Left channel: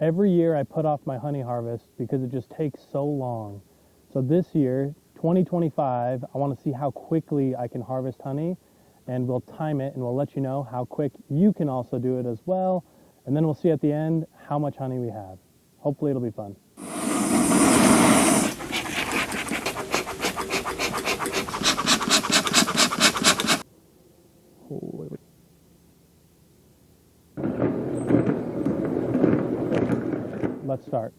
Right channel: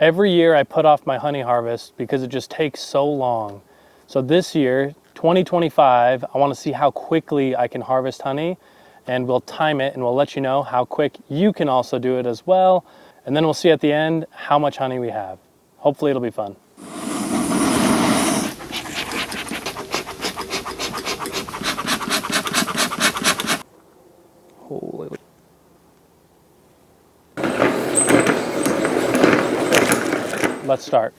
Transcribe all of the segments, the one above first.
Every year I put off my honey harvest because it just takes so long. So this year, 2025, I want to see how quickly I can harvest honey, and we'll time it and we'll let you know how quick you can also do it as well. And then we'll see at the end how much honey we have. Hopefully it'll be fun. Holy. Let's start.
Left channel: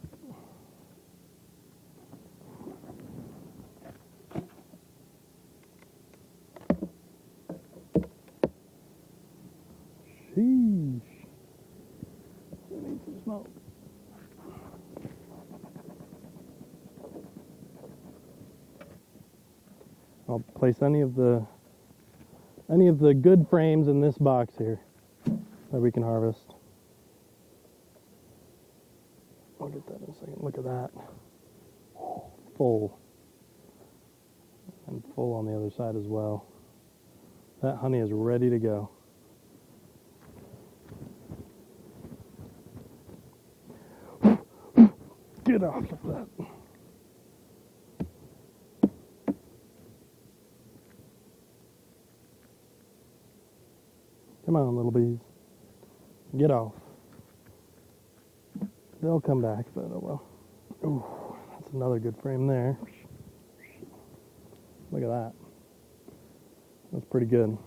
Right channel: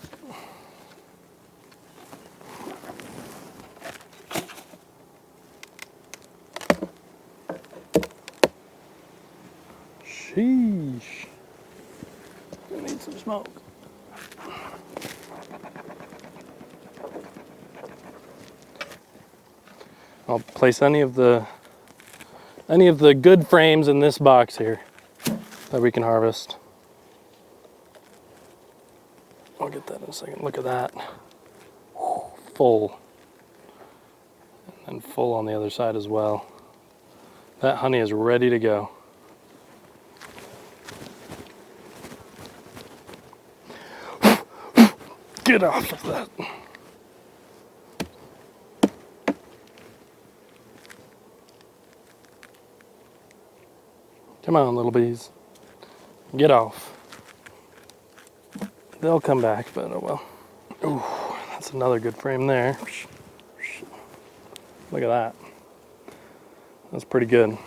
Sheesh. I need some smoke. I'll place any of the good frames in this box here that we can harvest. I'll get that in a second. Look at that. Full. And full on the other side as well. That honey is ready to go. Get off of that. Come on, little bees. Get off. They'll come back, but oh well. Ooh, that's another good frame there. Look at that. That's pretty good.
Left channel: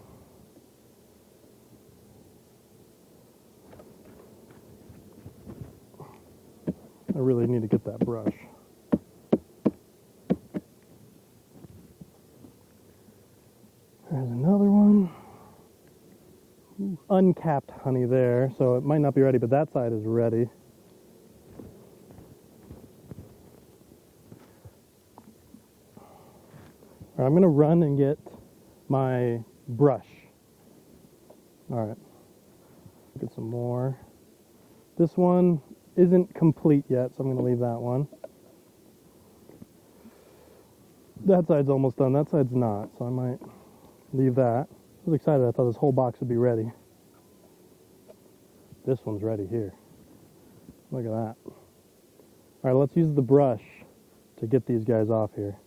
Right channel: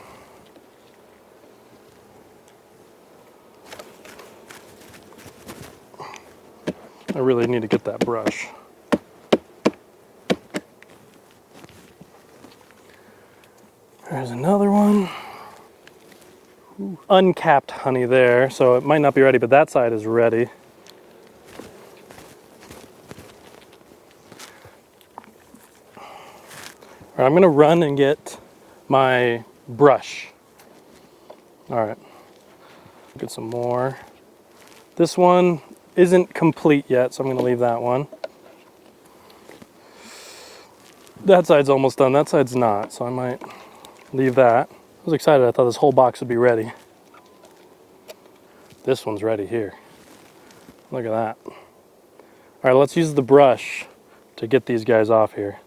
I really need to get that brush. There's another one. Ooh, uncapped honey there, so it might not be ready, but that side is ready. All right, I'm gonna run and get my brush. All right, get some more. This one isn't complete yet, so I'm gonna leave that one. That side's almost done, that side's not, so I might leave that. I was excited, I thought this whole box would be ready. This one's ready here. Look at that. All right, let's use the brush to get these guys off here.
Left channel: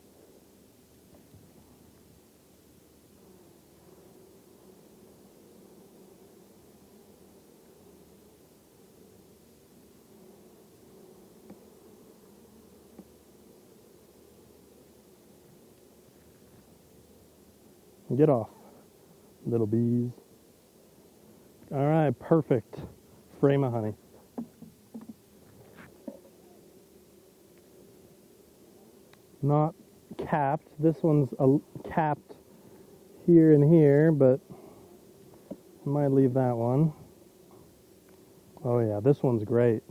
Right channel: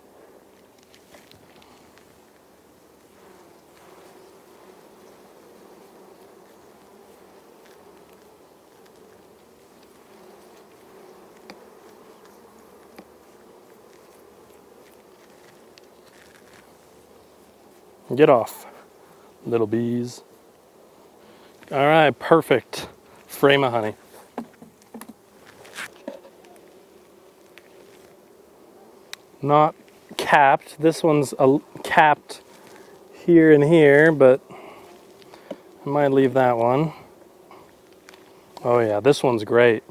Get off, little bees. All right, perfect frame of honey. Not capped. This one's capped here and here, but I might leave that one. Oh yeah, this one's great.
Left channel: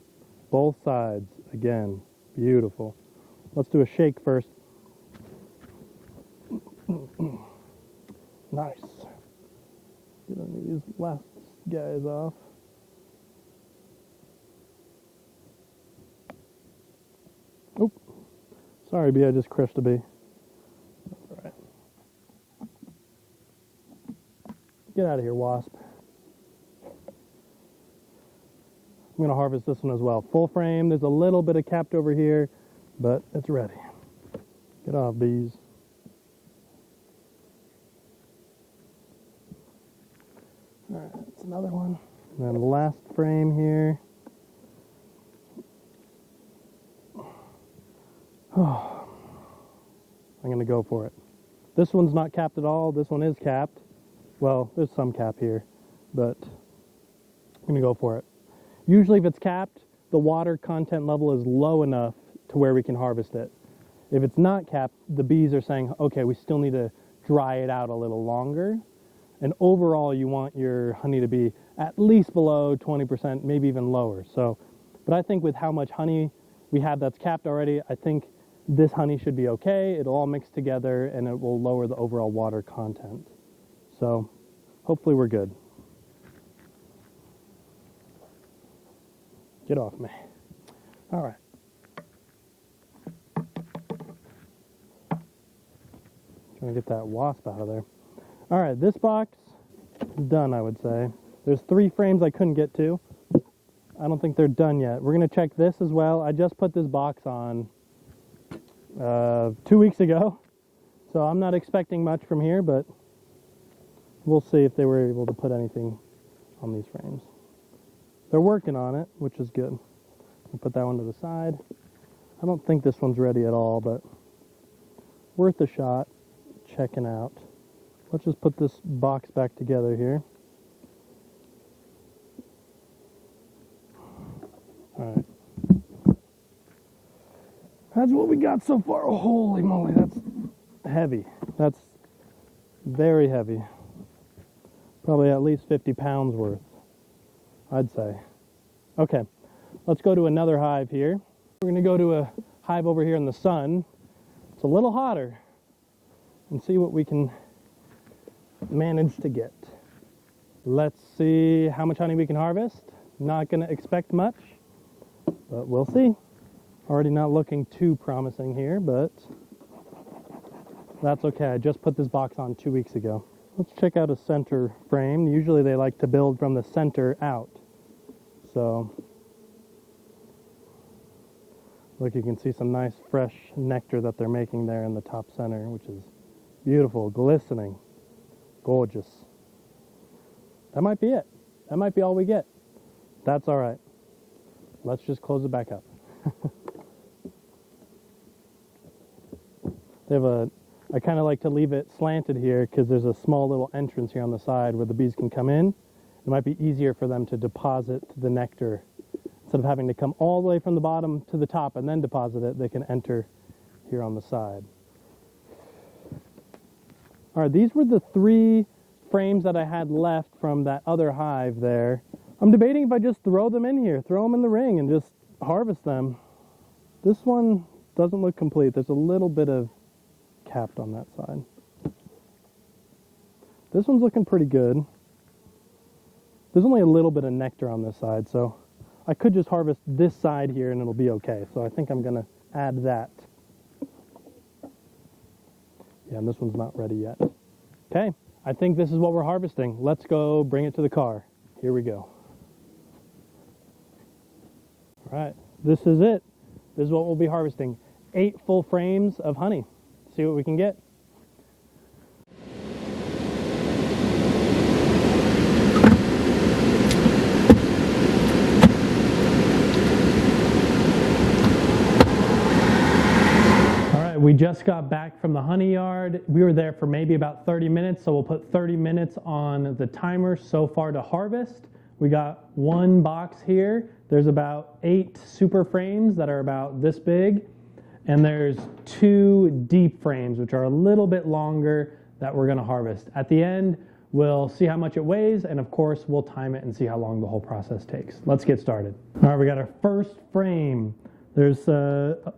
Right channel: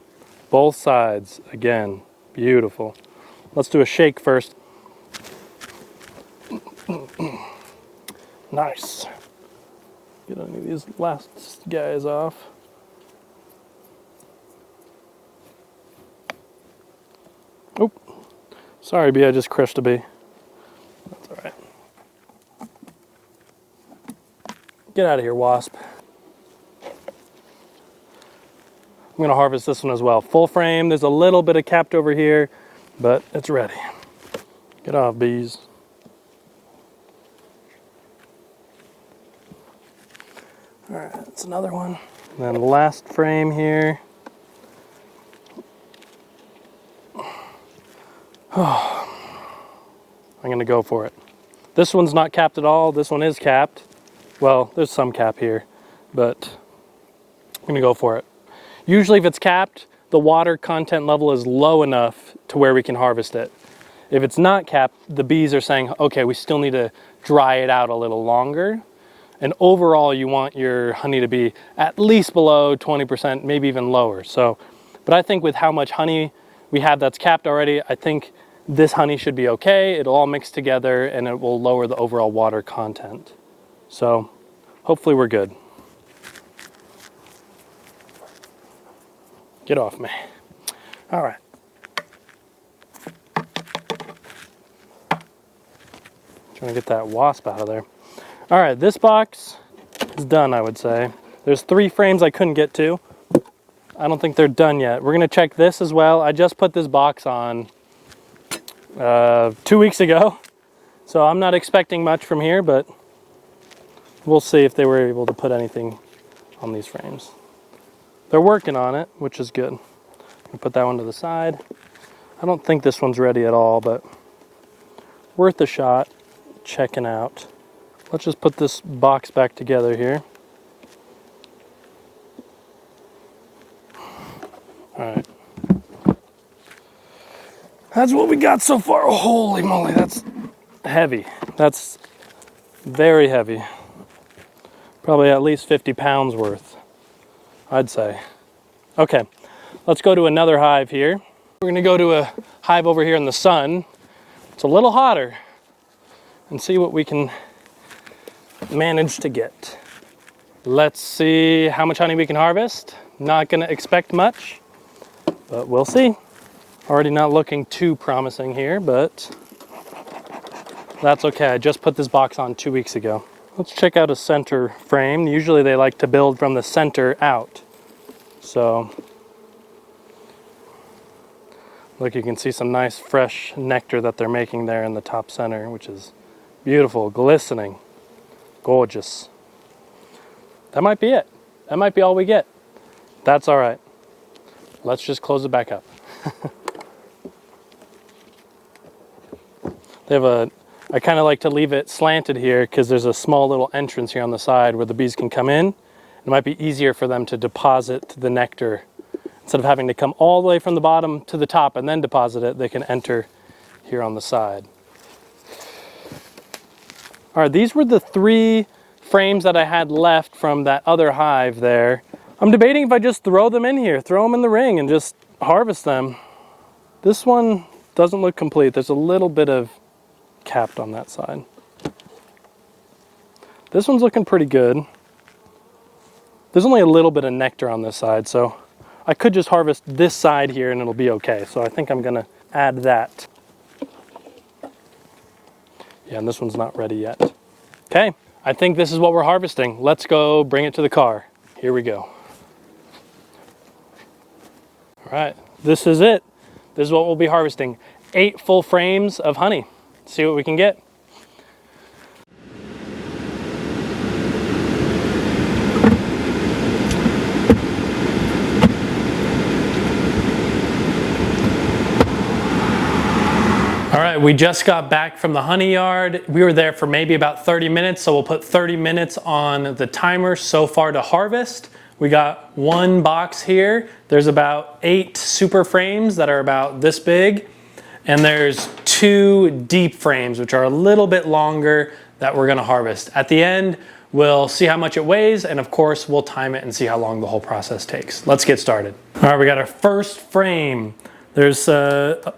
Both sides, again, beautiful. Let's do a shake first. Nice. Get any of these last guys off. Oh, sorry bee, I just crushed a bee. That's all right. Get out of here, wasp. I'm gonna harvest this one as well. Full frame, there's a little bit of capped over here, but it's ready. Get off, bees. All right, that's another one. And then the last frame here. Oh, I'm gonna go for it. This one's not capped at all. This one is capped. Well, there's some cap here, but I'm gonna go for it. Usually if it's capped, the water content level is low enough to where we can harvest it. If it's not capped, the bees are saying, okay, we still need to dry it out a little longer. And overall, you want your honey to be at least below 20%, maybe even lower. So, but I think with how much honey we have that's capped already, I think this honey should be okay. It'll all mix together and it will lower the overall water content. So hopefully we're good. Get off me. All right. Trying to get that wasp out of there. All right, this box is done, I would say. There's 3 frames I couldn't get to. I don't think they're done yet. We're gonna check this as well. I just put this box on 2 weeks ago, so I'm not expecting much from here, but we'll see if they were able to put anything on these frames. They're working on it, which is good. I'll put that one to the side. I don't think this one's ready at all, but worth a shot checking out. Let's just put this box back together here. All right. That's what we got so far. Oh, holy moly, that's heavy. That's very heavy. Probably at least 50 pounds worth, I'd say. Okay, let's go to another hive here. We're gonna go to a hive over here in the sun. It's a little hotter, and see what we can manage to get. Let's see how much honey we can harvest. Not gonna expect much, but we'll see. Already not looking too promising here, but that's okay. I just put this box on 2 weeks ago. Let's check out a center frame. Usually they like to build from the center out. So, look, you can see some nice fresh nectar that they're making there in the top center, which is beautiful, glistening, gorgeous. That might be it. That might be all we get. That's all right. Let's just close it back up. They have I kind of like to leave it slanted here because there's a small little entrance here on the side where the bees can come in. It might be easier for them to deposit the nectar. Instead of having to come all the way from the bottom to the top and then deposit it, they can enter here on the side. All right, these were the 3 frames that I had left from that other hive there. I'm debating if I just throw them in here, throw them in the ring and just harvest them. This one doesn't look complete. There's a little bit of capped on that side. This one's looking pretty good. There's only a little bit of nectar on this side, so I could just harvest this side here and it'll be okay. So I think I'm gonna add that. Yeah, and this one's not ready yet. Okay, I think this is what we're harvesting. Let's go bring it to the car. Here we go. All right, this is it. This is what we'll be harvesting. 8 full frames of honey. See what we can get. All right, we just got back from the honey yard. We were there for maybe about 30 minutes, so we'll put 30 minutes on the timer so far to harvest. We got 1 box here. There's about 8 super frames that are about this big. And there's 2 deep frames, which are a little bit longer, that we're gonna harvest. At the end, we'll see how much it weighs, and of course, we'll time it and see how long the whole process takes. Let's get started. All right, we got our first frame. There's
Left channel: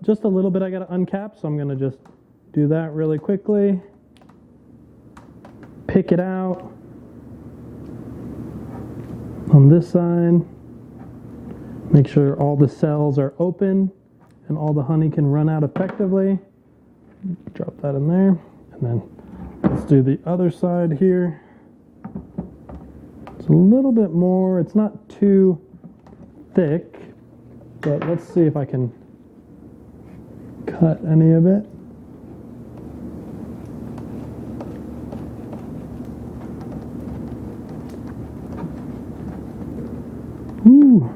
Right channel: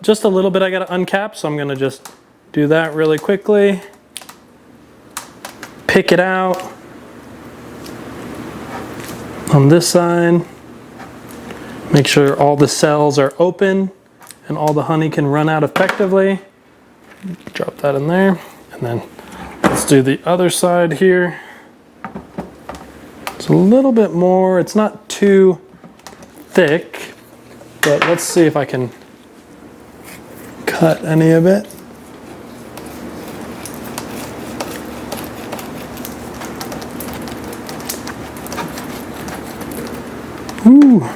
just a little bit I gotta uncap, so I'm gonna just do that really quickly. Pick it out on this side. Make sure all the cells are open and all the honey can run out effectively. Drop that in there. And then let's do the other side here. It's a little bit more, it's not too thick, but let's see if I can cut any of it. Ooh.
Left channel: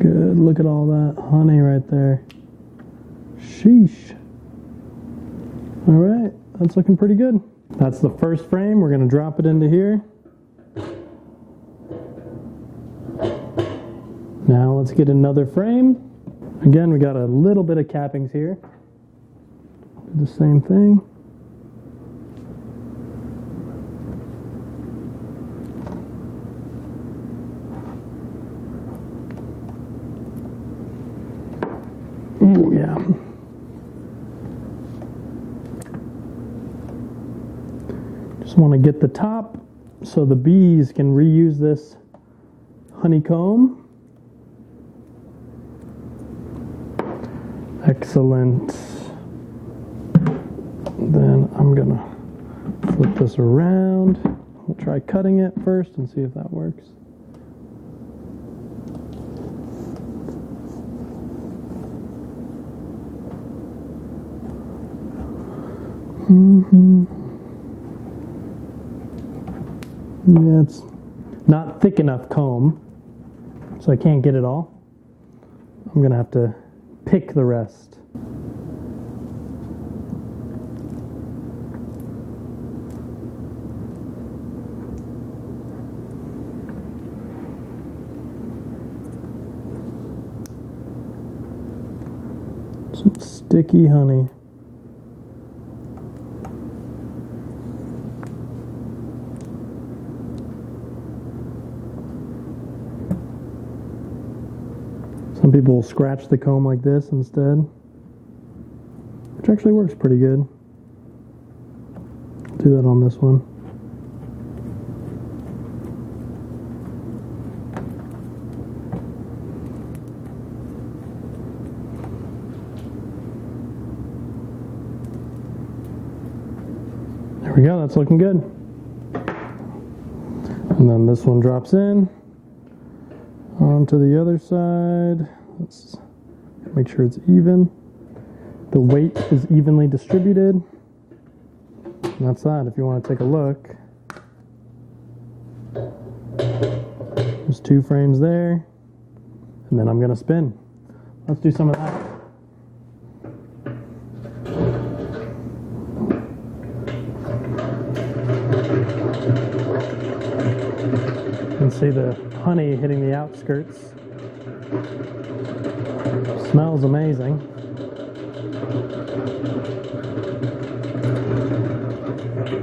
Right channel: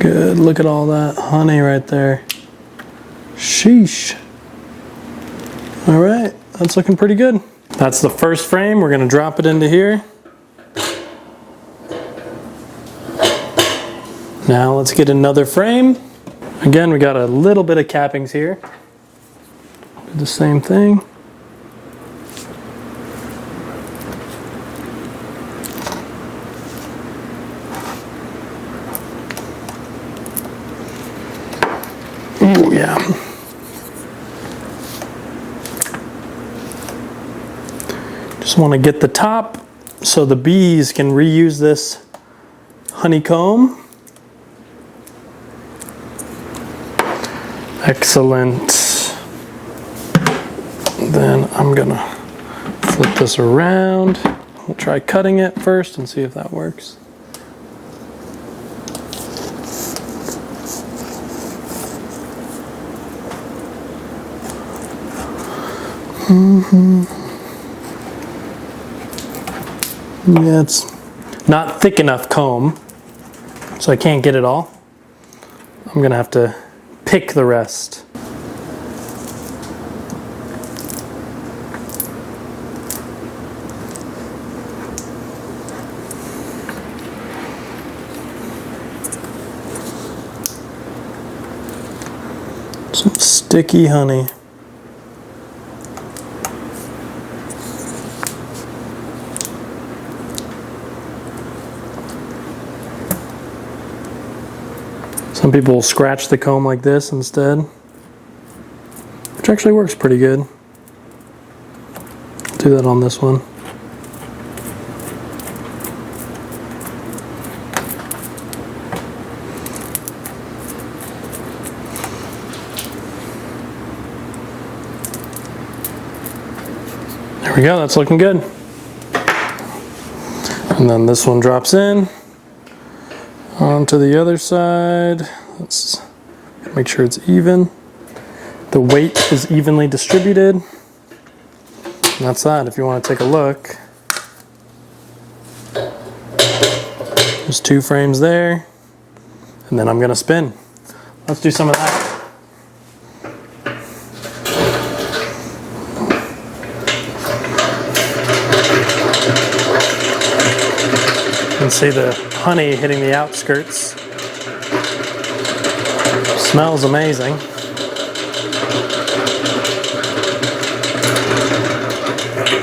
Good, look at all that honey right there. Sheesh. All right, that's looking pretty good. That's the first frame. We're gonna drop it into here. Now let's get another frame. Again, we got a little bit of cappings here. Do the same thing. Oh yeah. Just want to get the top so the bees can reuse this honeycomb. Excellent. Then I'm gonna flip this around. We'll try cutting it first and see if that works. Yeah, it's not thick enough comb, so I can't get it all. I'm gonna have to pick the rest. Some sticky honey. Some people will scratch the comb like this instead, which actually works pretty good. I'll do that on this one. There we go, that's looking good. And then this one drops in onto the other side. Let's make sure it's even. The weight is evenly distributed. And that's that. If you want to take a look, there's 2 frames there. And then I'm going to spin. Let's do some of that. You can see the honey hitting the outskirts. Smells amazing.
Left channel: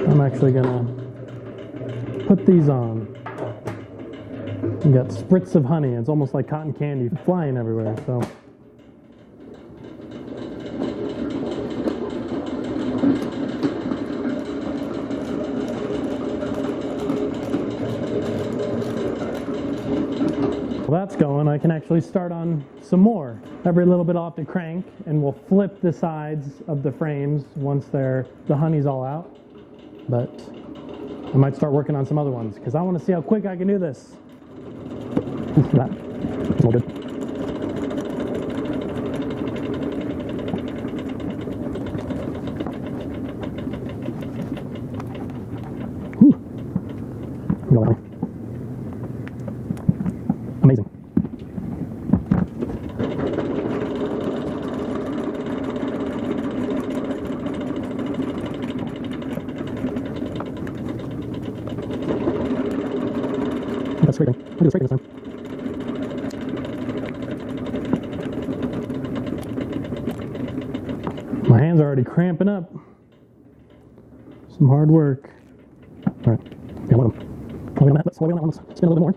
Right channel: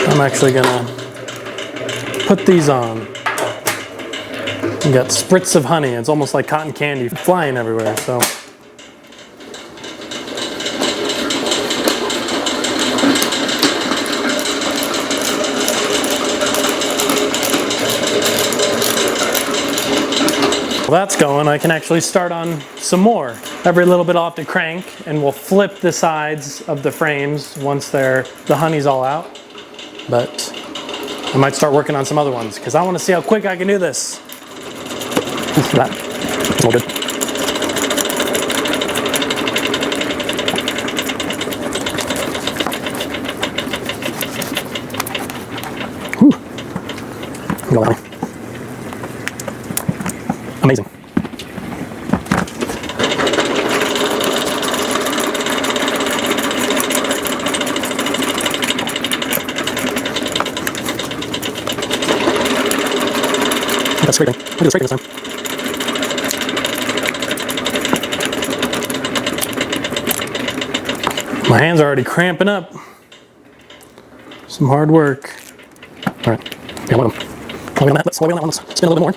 I'm actually gonna put these on. You got spritz of honey. It's almost like cotton candy flying everywhere, so. While that's going, I can actually start on some more. Every little bit I'll have to crank, and we'll flip the sides of the frames once the honey's all out. But I might start working on some other ones because I want to see how quick I can do this. That's all good. Whew. Go on. Amazing. That's scraping. Look at the scraping this time. My hands are already cramping up. Some hard work. All right. Yeah, while we're on that, let's spin a little bit more.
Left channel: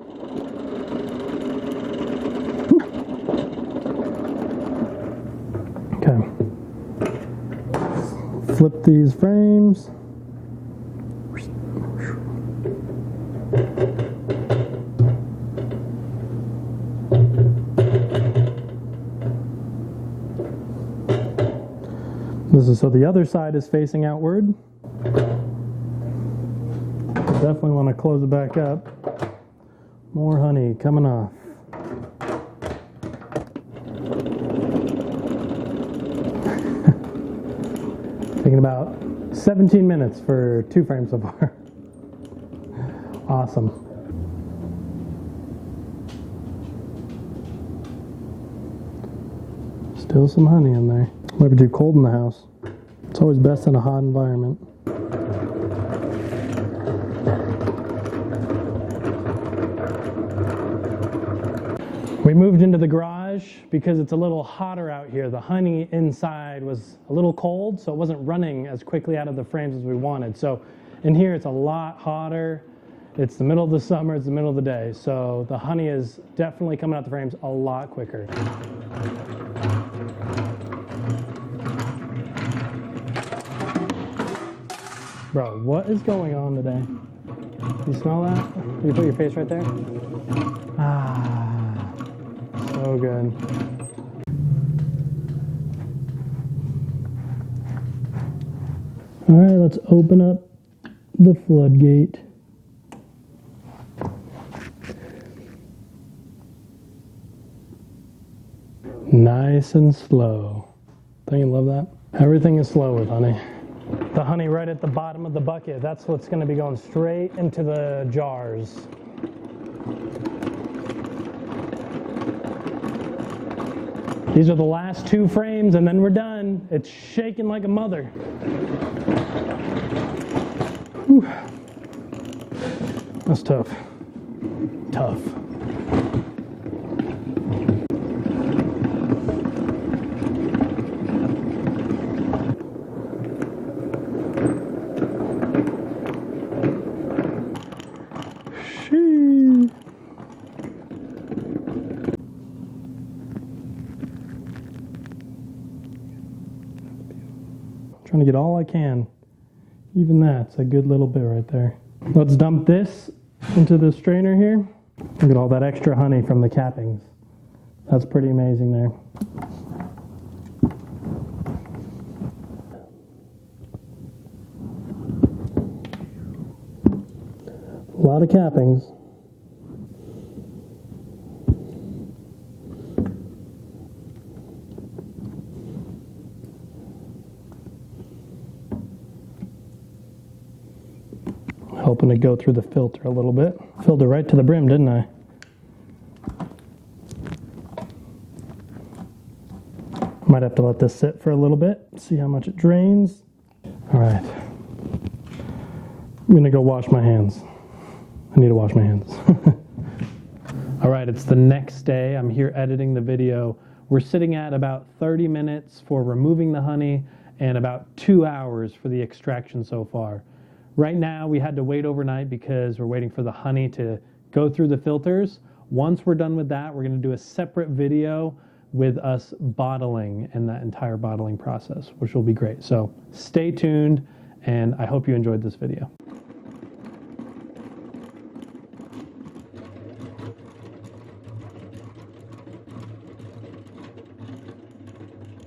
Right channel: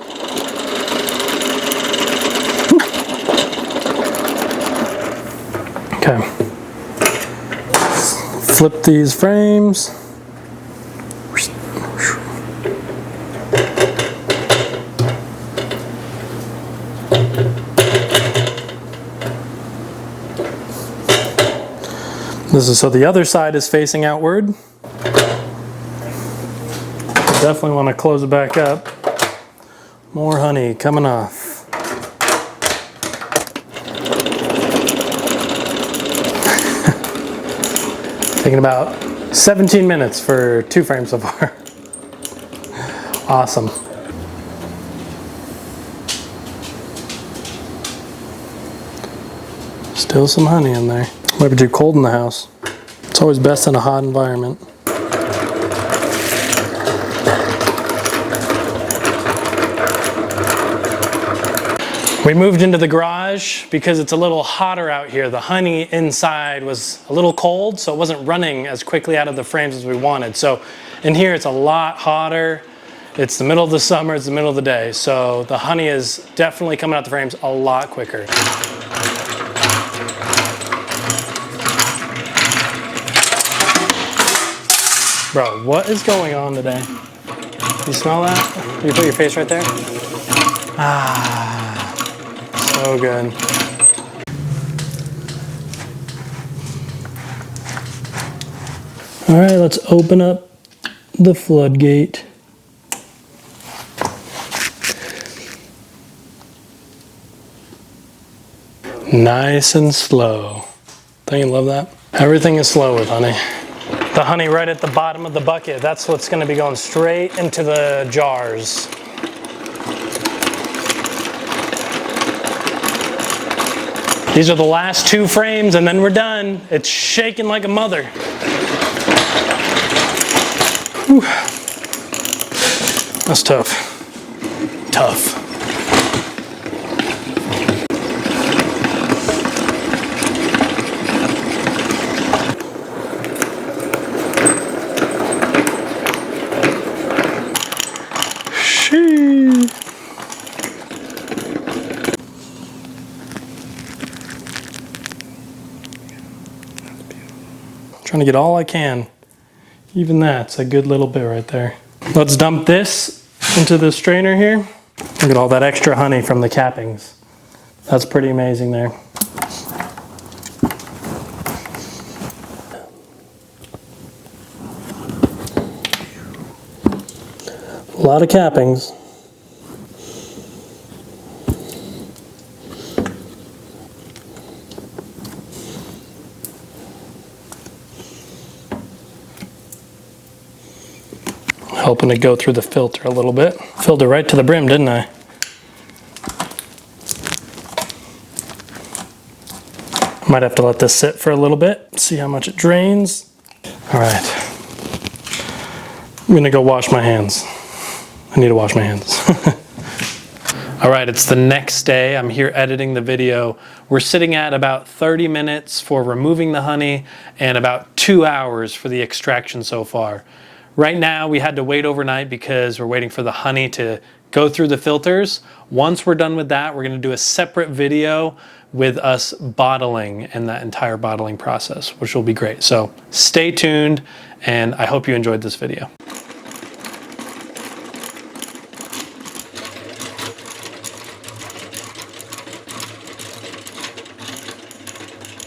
Okay, flip these frames. This is so the other side is facing outward. Definitely want to close it back up. More honey coming off. Taking about 17 minutes for 2 frames so far. Awesome. Still some honey in there. Might be too cold in the house. It's always best in a hot environment. We moved into the garage because it's a little hotter out here. The honey inside was a little cold, so it wasn't running as quickly out of the frames as we wanted. So in here it's a lot hotter. It's the middle of the summer, it's the middle of the day. So the honey is definitely coming out the frames a lot quicker. Bro, what is going on today? You smell that? You put your face right there? Ah, so good. All right, let's open up the floodgate. Nice and slow. Don't you love that? Everything is slow with honey. The honey right at the bottom of the bucket, that's what's gonna be going straight into the jars. These are the last 2 frames and then we're done. It's shaking like a mother. Whew. That's tough. Tough. Shee. Trying to get all I can. Even that's a good little bit right there. Let's dump this into the strainer here. Look at all that extra honey from the cappings. That's pretty amazing there. A lot of cappings. Helping to go through the filter a little bit. Filled it right to the brim, didn't I? Might have to let this sit for a little bit, see how much it drains. All right, I'm gonna go wash my hands. I need to wash my hands. All right, it's the next day. I'm here editing the video. We're sitting at about 30 minutes for removing the honey and about 2 hours for the extraction so far. Right now, we had to wait overnight because we're waiting for the honey to go through the filters. Once we're done with that, we're gonna do a separate video with us bottling and that entire bottling process, which will be great. So stay tuned, and I hope you enjoyed this video.